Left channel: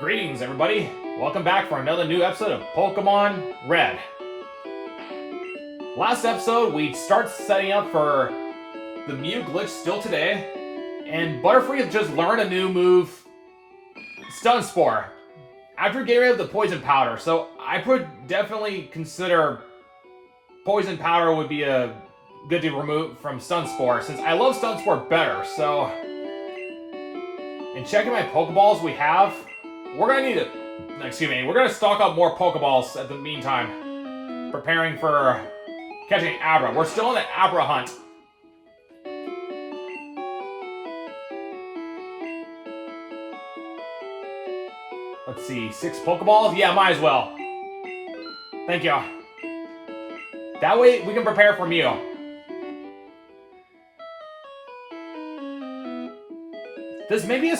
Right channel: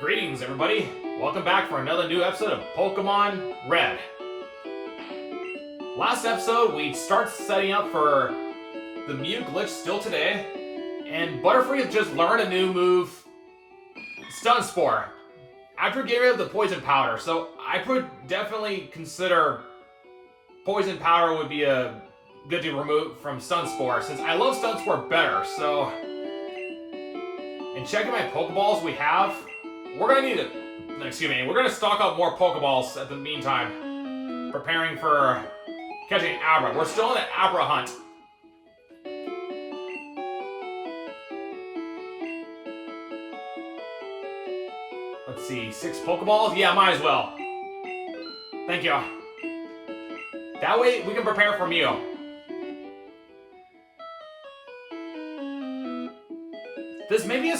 Greetings, everybody. Welcome back for another new episode of Pokemon Red. Last episode, we start setting up for the Mew glitch still today, and Butterfree have just learned a new move, Stun Spore, after getting rid of the Poison Powder. So I would definitely consider Poison Powder would be a good to remove from Stun Spore, since I love Stun Spore better. So, in checking my Pokeballs we have, we're gonna stock up more Pokeballs at the meantime, preparing for catching Abra. We're still in the Abra hunt. Let's see, 6 Pokeballs? Yeah, might as well. Thank you. That way we can prepare for Mew. This may be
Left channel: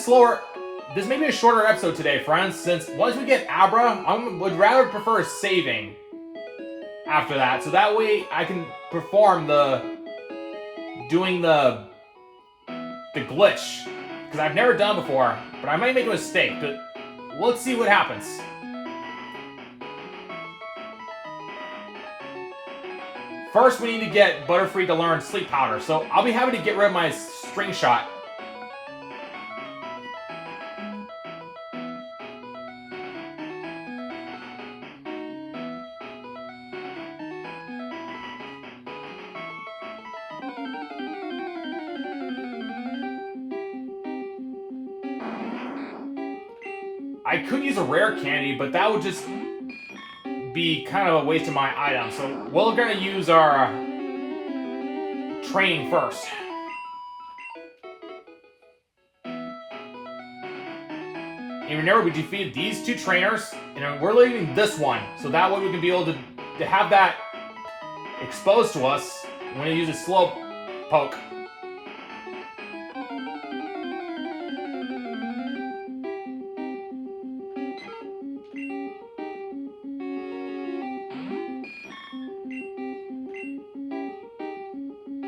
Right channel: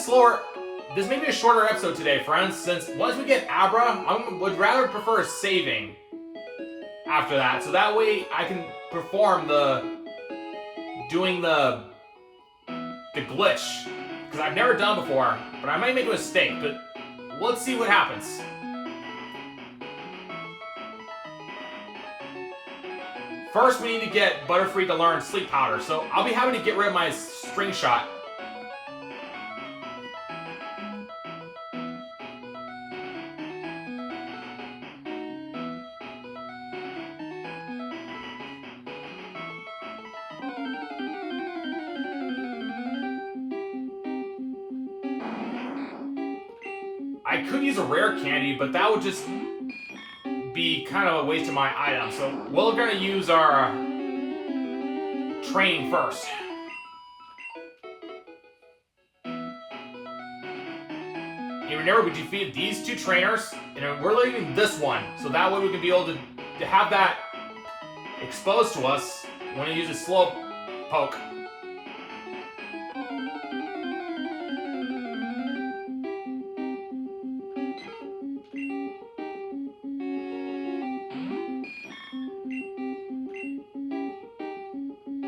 a shorter episode today, friends, since once we get Abra, I would rather prefer saving after that, so that way I can perform doing the glitch, because I've never done before, but I might make a mistake, but let's see what happens. First, we need to get Butterfree to learn Sleep Powder, so I'll be happy to get rid of my String Shot. I could use a rare candy, but that would just be kind of a waste of my item. So we're going to use our training first. And remember, we defeated these 2 trainers, and we're leaving this one. So that way we can be able to have that exposed to us. I'm going to use a slow poke.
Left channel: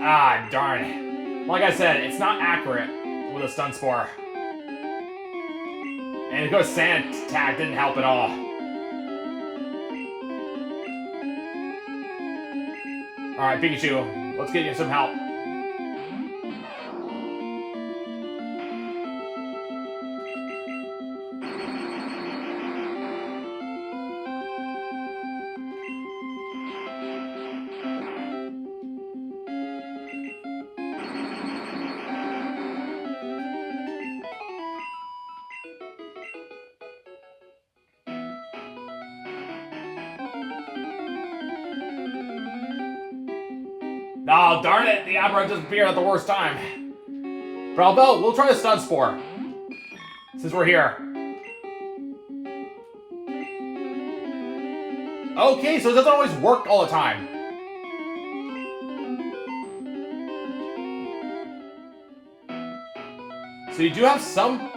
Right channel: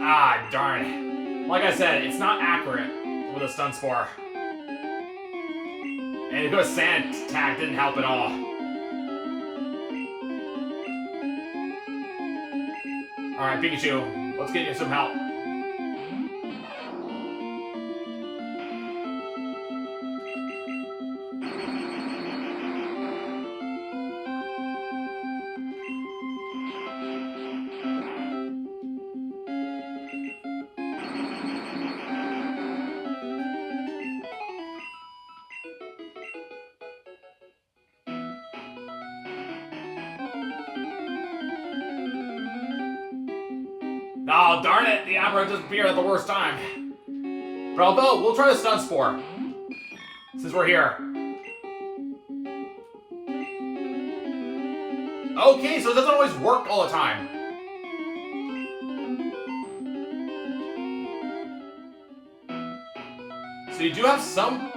Ah, darn it. Like I said, it's not accurate with a Stun Spore. And to go Sand Attack didn't help at all. Alright, Pikachu, let's get you some help. Oh, darn it! The Abra just appeared at the worst time. But although, we'll try the Stun Spore, since we're here. Okay, so it doesn't always work all the time. So you do have some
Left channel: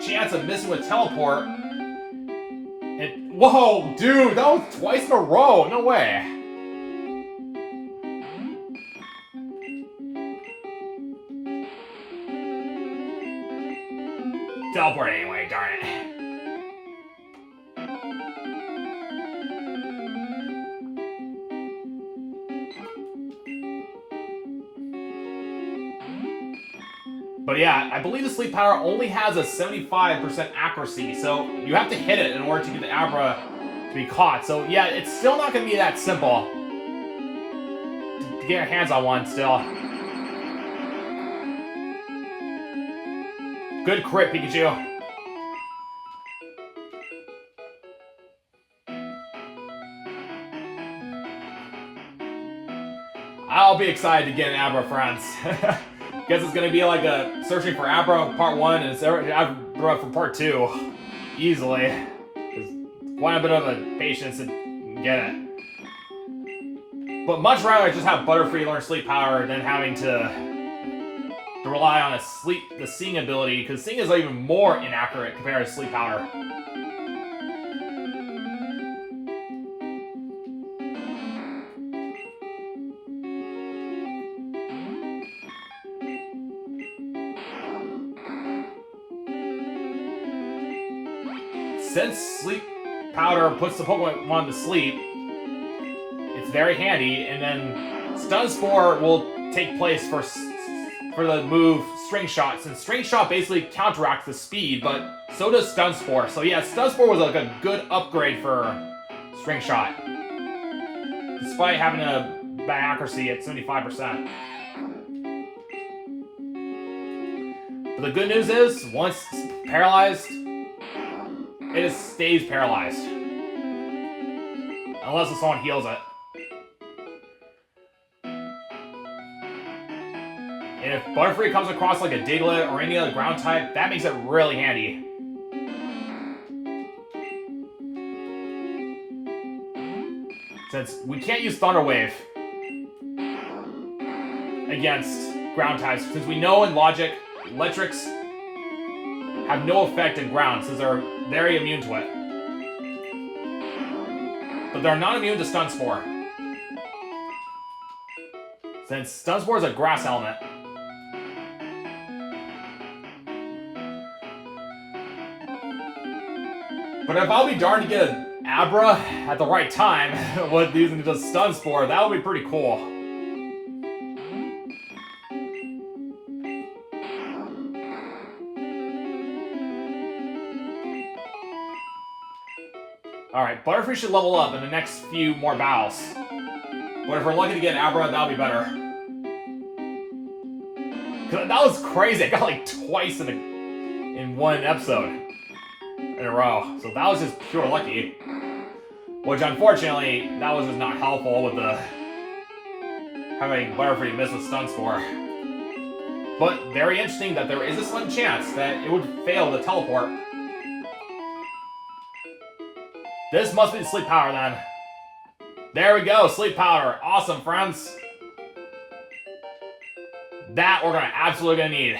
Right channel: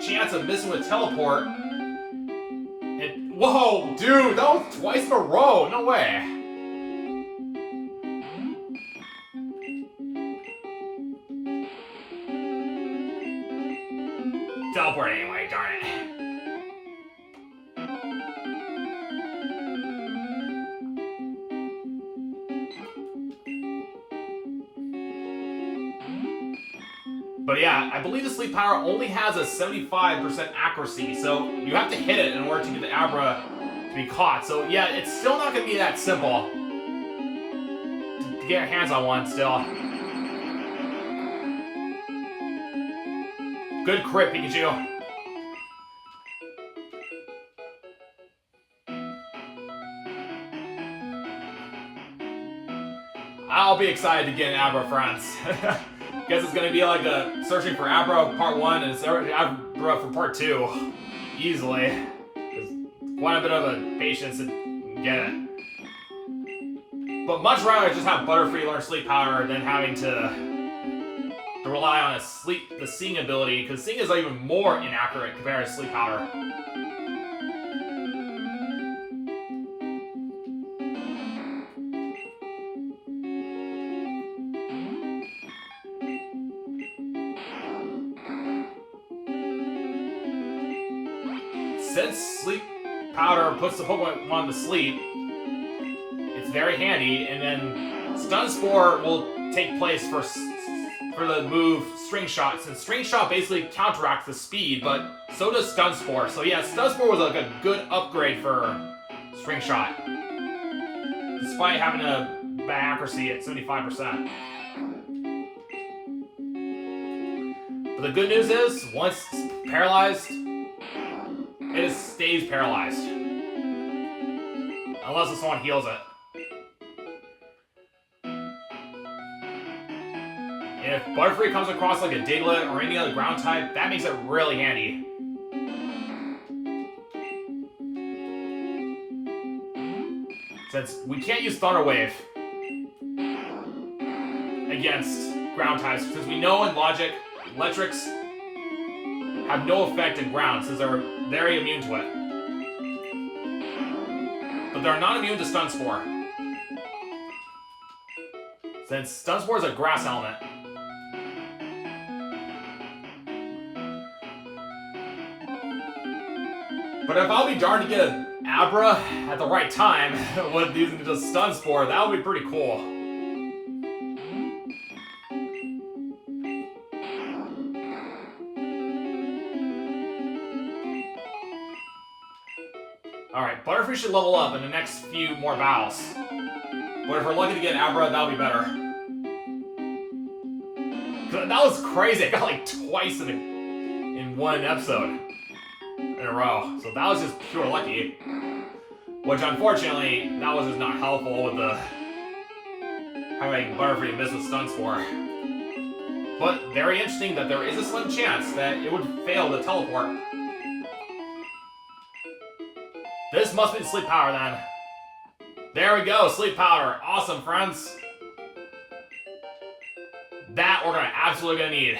chance of missing with Teleport. And, whoa, dude, that was twice in a row. No way. Teleport anyway, darn it. But yeah, I believe the Sleep Powder only has a 75% accuracy, so you have to hit it in order to get the Abra to be caught. So yeah, it's still not going to be that simple to get your hands on one still. Good crit, Pikachu. I'll be excited to get an Abra, friends. Guess it's gonna be like a searching for Abra part 1 and Abra for part 2. Easily. There's quite a bit of a patience to get it. But much rather I just have Butterfree learn Sleep Powder than having to rely on the Seeing ability, because Seeing is even more inaccurate compared to Sleep Powder. since Sleep Powder puts the Pokemon to sleep, it's very handy, and then Stun Spore will take place for the move String Shot, since String Shot basically counteracts the speed, but so does Stun Spore. So yeah, Stun Spore was like a good upgrade for String Shot, despite having a bad accuracy at 75%. But the good news is, once it's paralyzed, it just stays paralyzed. Unless someone heals it. And if Butterfree comes across like a Diglett or any other ground type, that makes it really handy. Since we can't use Thunder Wave against ground types, because we know in Logic, Electrics have no effect in ground, since they're very immune to it. But they're not immune to Stun Spore, since Stun Spore is a grass element. But if I'll be darned to get an Abra at the right time with using just Stun Spore, that would be pretty cool. Alright, Butterfree should level up in the next few more battles. But if we're lucky to get an Abra, that'll be better. Cause that was crazy, I got like twice in one episode in a row. So that was just pure lucky. Which unfortunately, that was just not helpful with the having Butterfree miss with Stun Spore. But very interesting that there is a slim chance that it would fail to teleport. This must be the Sleep Powder then. There we go, Sleep Powder. Awesome, friends. That we're absolutely gonna need.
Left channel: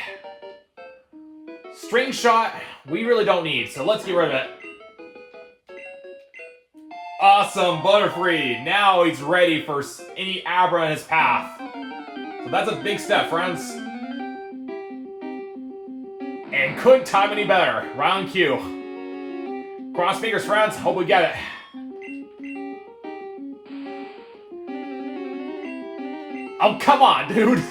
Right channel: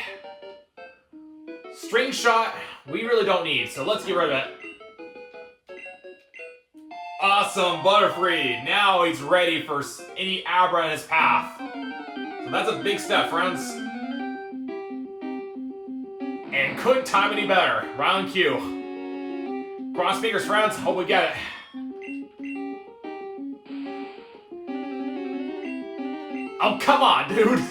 String Shot, we really don't need, so let's get rid of it. Awesome, Butterfree. Now he's ready for any Abra in his path. So that's a big step, friends. And couldn't time any better. Round Q. Cross fingers, friends. Hope we get it. Oh, come on, dude.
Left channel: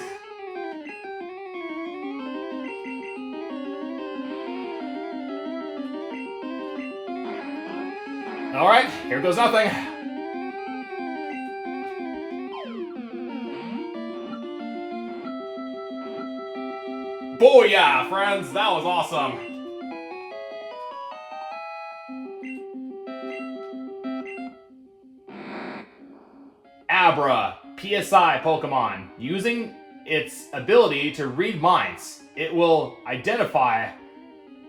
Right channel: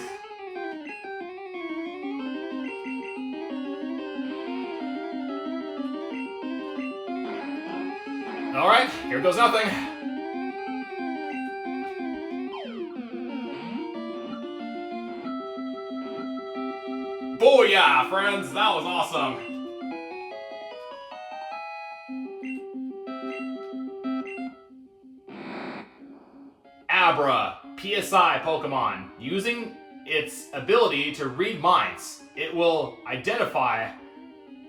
Alright, here goes nothing. Booyah, friends. That was awesome. Abra, PSI Pokemon. Using its ability to read minds, it will identify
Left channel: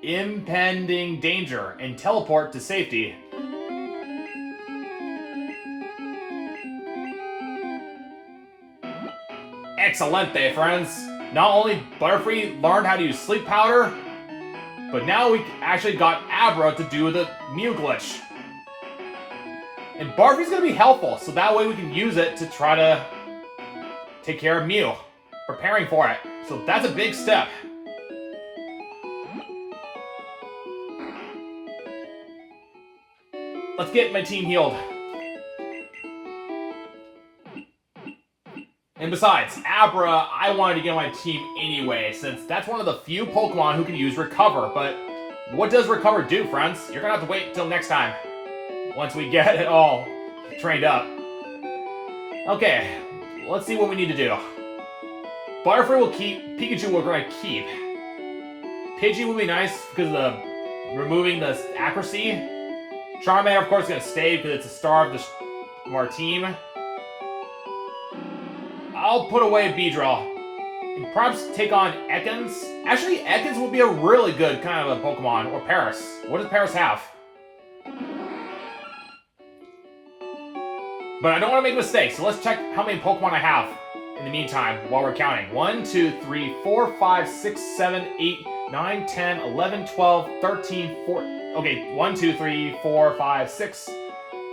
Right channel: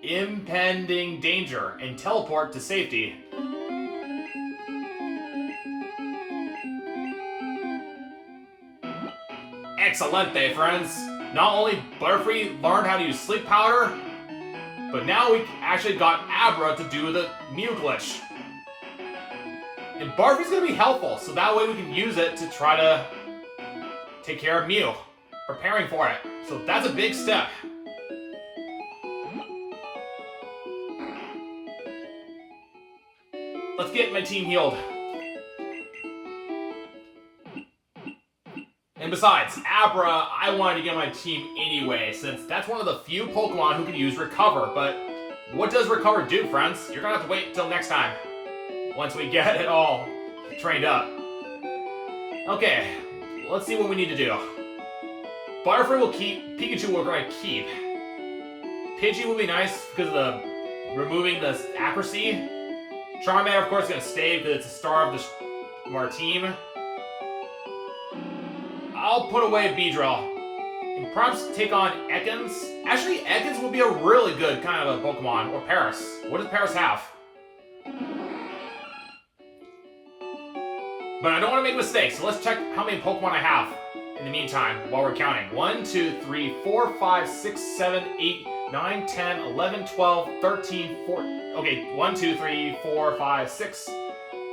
impending danger and teleport to safety. Excelente, friends. Not only Butterfree learned how to use Sleep Powder, but now we actually got Abra to do the Mew glitch. And Butterfree's gonna be helpful, so that way we can use it to try to take care of Mew, preparing for it. So that's a big step. Let's get my team healed. And besides, Abra, I wanted to get on my team anyway, since that's one of the few Pokemon who can use Recover. But what does Recover do, friends? You're gonna have to wait until next time, once we get it all trained up. Okay, let's see what we need to do. Butterfree will keep, Pikachu we're going to keep. Pidgey will be nice because of the removing the accuracy. Charmander, of course, is going to stay because it's a star of our team. I'll put away Beedrill. And perhaps take on Ekans. Actually, Ekans will be a really good kind of a Pokemon. Or Paris. What does Paris have? But I don't want to make mistakes, so let's check how many Pokemon I have in the meantime while we're counting. 1, 2, 3, 4, 5, 6, 7, 8, 9, 10, 11, 12, 13, 14. Okay, 1, 2, 3, 4, 5, 6,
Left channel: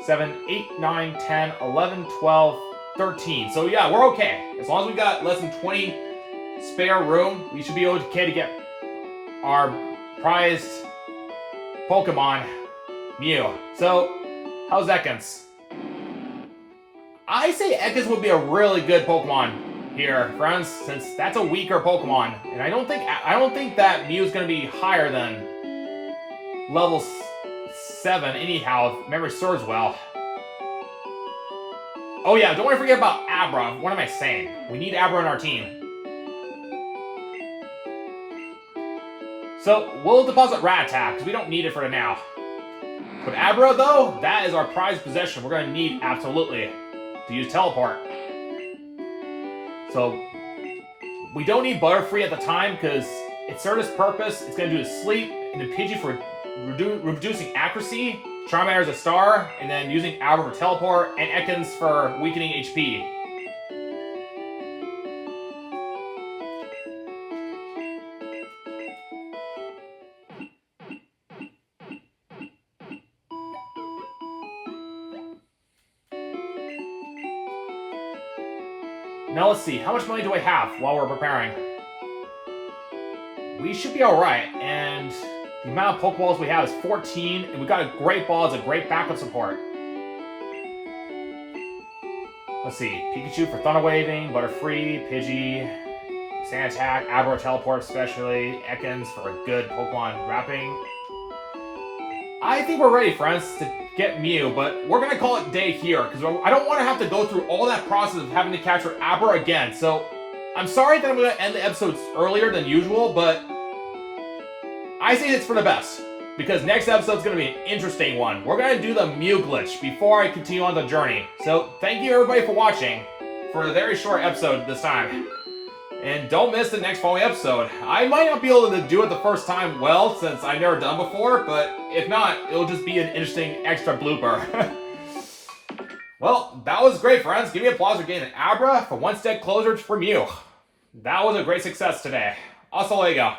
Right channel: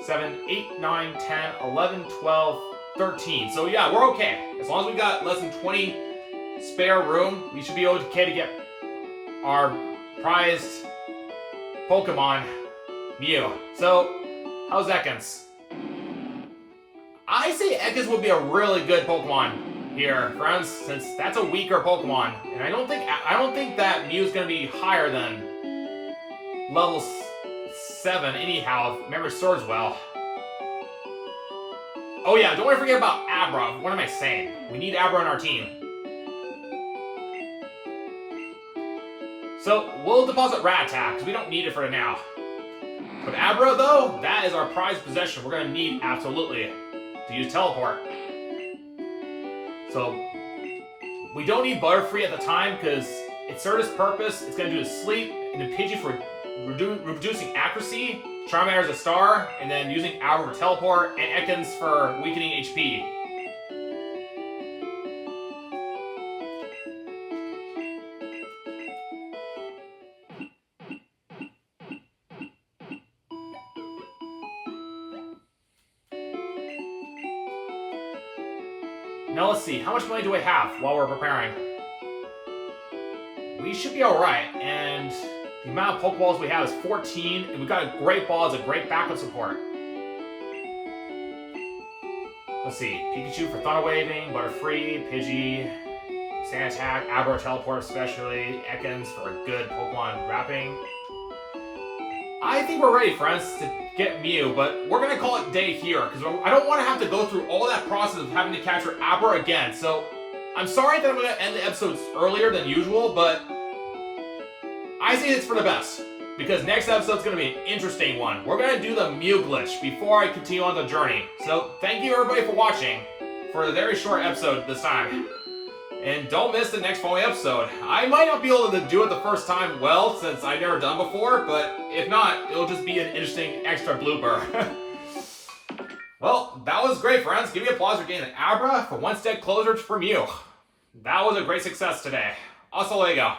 7, 8, 9, 10, 11, 12, 13. So yeah, we're okay. As long as we got less than 20 spare room, we should be okay to get our prized Pokemon Mew. So, how's Ekans? I say Ekans would be a really good Pokemon here, friends, since that's a weaker Pokemon, and I don't think that Mew's gonna be higher than level 7 anyhow, if memory serves well. Oh yeah, don't want to forget about Abra. What am I saying? We need Abra on our team. So, we'll deposit Rat Attack, because we don't need it for now. But Abra, though, that is our prized possession. We're going to need, absolutely, to use Teleport. So, we don't need Butterfree at the time, because it served its purpose. It's going to do the Sleep, and the Pidgey for reducing accuracy, Charmander as a star, and then using Abra for Teleport, and Ekans for weakening HP. Now let's see, how much money do we have while we're preparing? We should be alright, and the amount of Pokeballs we have is 14, and we've got a great ball as a great backup support. Let's see, Pikachu for Thunder Waving, Butterfree, Pidgey, Sand Attack, Abra Teleport especially, Ekans for a good Pokemon wrapping. I think we're ready, friends, to get Mew, but we're going to call it day here, because I don't want to have to go through all that process of having to capture Abra again, so I'm sorry that I'm going to end the episodes earlier than usual, but I say it's for the best, because next episode's going to be an interesting one. We're going to do the Mew glitch before I continue on the journey. So, thank you everybody for watching for a very short episode this time. And don't miss the next following episode. I might not be able to do it the first time well, since I've never done before, but if not, it'll just be an interesting extra blooper. Well, that was great, friends. Give me applause for getting an Abra for one step closer for Mew. That was a great success today. Hasta luego.